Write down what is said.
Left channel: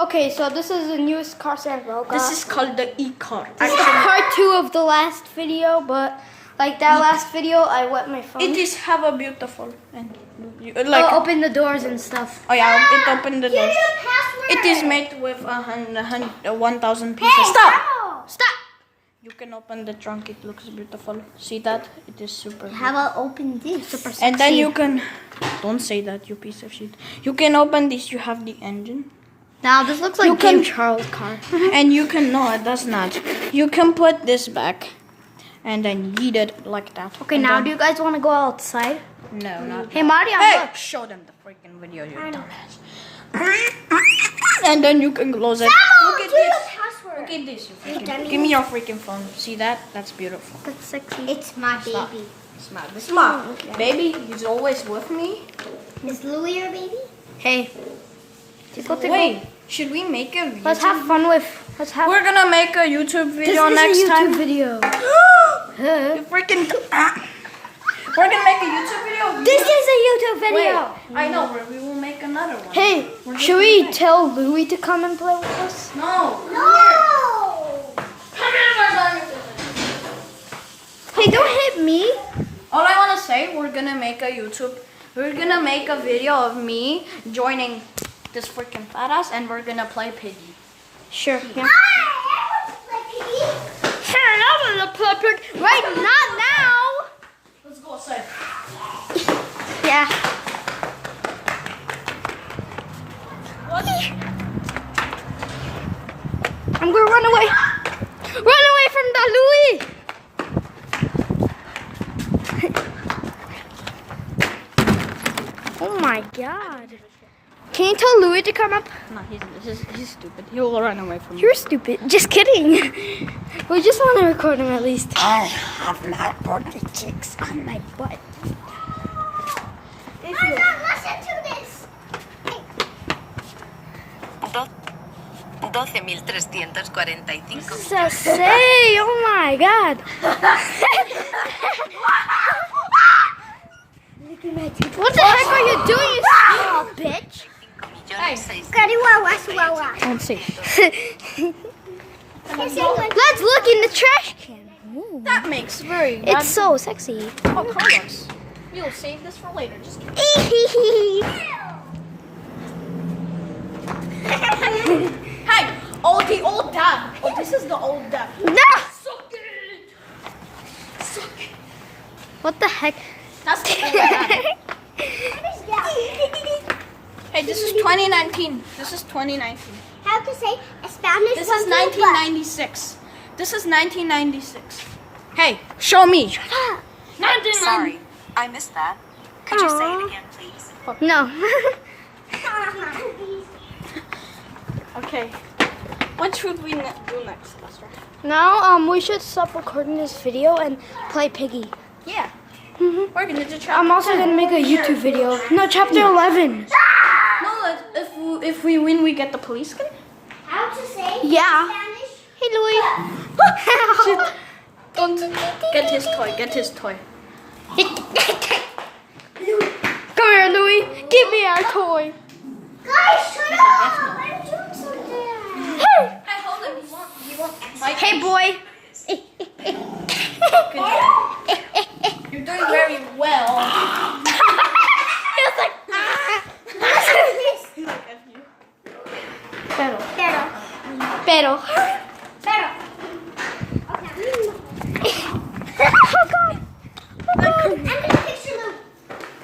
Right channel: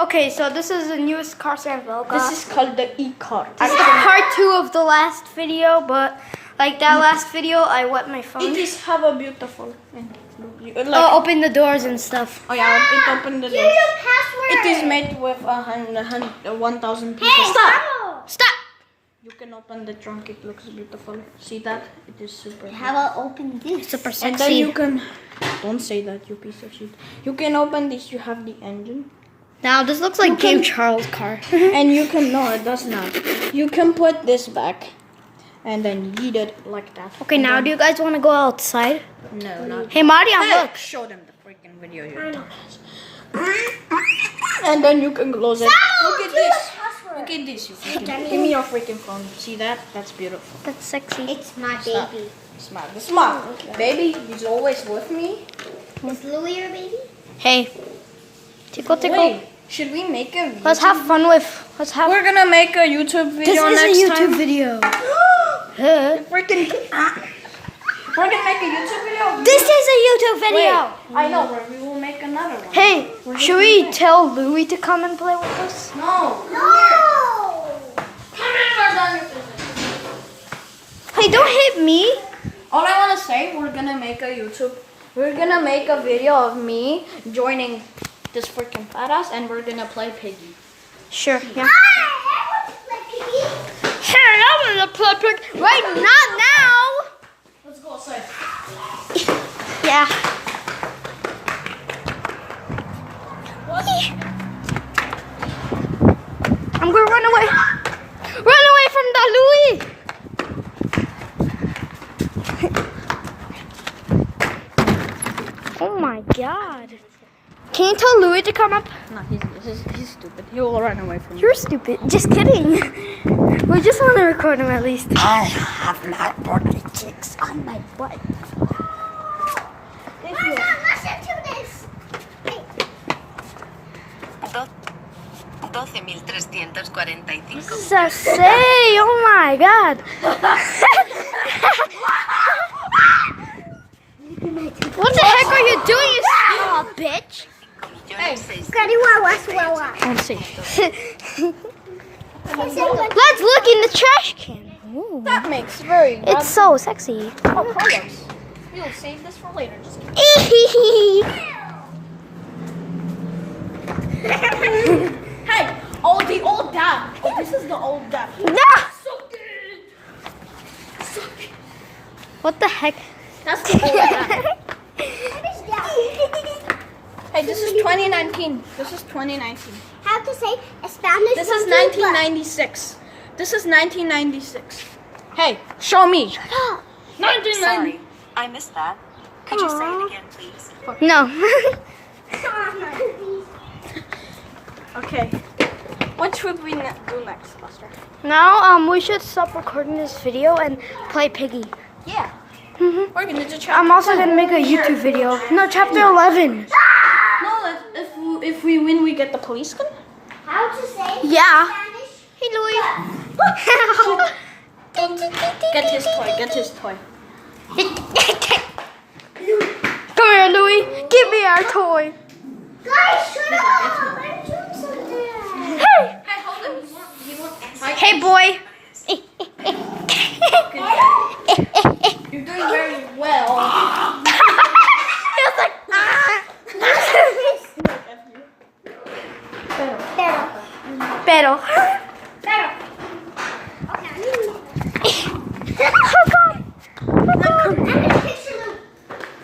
Okay, so this is the newest car sample. This is called the e-car. This is the part 2 of the last video, but like that last video, I wet my phone. It is have a beautiful. Open the doors and stuff. Oh yeah, it opened the doors. Here's your password. It is made with 1,000 pieces. Stop! Stop! You can open the trunk. It looks beautiful. See that? It is super. How about open this? Super sexy. And then you can. Don't say that, you piece of shit. You can open this. You have the engine. Now this looks like Game Charles' car. And you can, no, it does not. You can put this back and then yeet it like that. Okay, and now then, do you guys want to go outside? No. Hey, Mariam, Hey, look. show them the freaking video, you dumbass. And then you can close it. Look at this. Look at this. Give me your freaking phone. See that? That's beautiful. That's sexy. It's my Stop. baby. Smart. Smart. Baby, he's always with me. Is Louis your baby? Hey. Tickle, tickle. Wait, should we make a video? Let's have fun with. We're gonna make a YouTube video This next is a YouTube time. video. Freaking. We're gonna make a YouTube video. This is a YouTube video. Wait, I know where we will make another one. Hey, should we tell Louis to come and play with us? No. No! Come here, Marzon. Hey, don't hit me. All I wanna say, we're gonna make a YouTube. We're gonna make a video of me joining this freaking fat ass, and we're gonna play Piggy. Sure. Yeah. I want to play piggy. Hey, I'm gonna play pig. Right, not now. Let's go outside. Yeah. I'm gonna run away. Run away from the Louis. Oh my God. Can you tell Louis to come up? No, he's stupid. He will run away from me. You're stupid. Just kidding. We just want to record him at least. I have my body chicks on my butt. Listen to this. 12.345. What does that say? Oh my God. What the heck are you doing, you small bitch? Don't say. Let's look in the trash can. Ooh. That makes very. It's so sexy. Oh, Carlos. We'll save this for later. Just kidding. Hey, oh, the old dad. Oh, this is the old dad. No! So good. So good. What the heck? That's the old dad. Hey, this is 2019. This is 2019. How to say Spanish? This is 1996. This is 1996. Hey, show me. 1990. Sorry, I missed that. Could you say it again, please? No. Okay. What should we do next, Buster? Now, we should stop recording this video and play Piggy. Yeah. Mhm. We're gonna do I'm also gonna make a YouTube video. No, chapter 11. No, if we win, we get the police gun. How to say Yeah. Spanish? Hey, Louis. Get his toy. Get his toy. Come here, Louis. Give me our toy. Guys, shut up! I'm doing something. Hey. Hey, hold on. Hey, boy. You're doing very well. He was like, ah. Pero. Pero. Pero. Pero.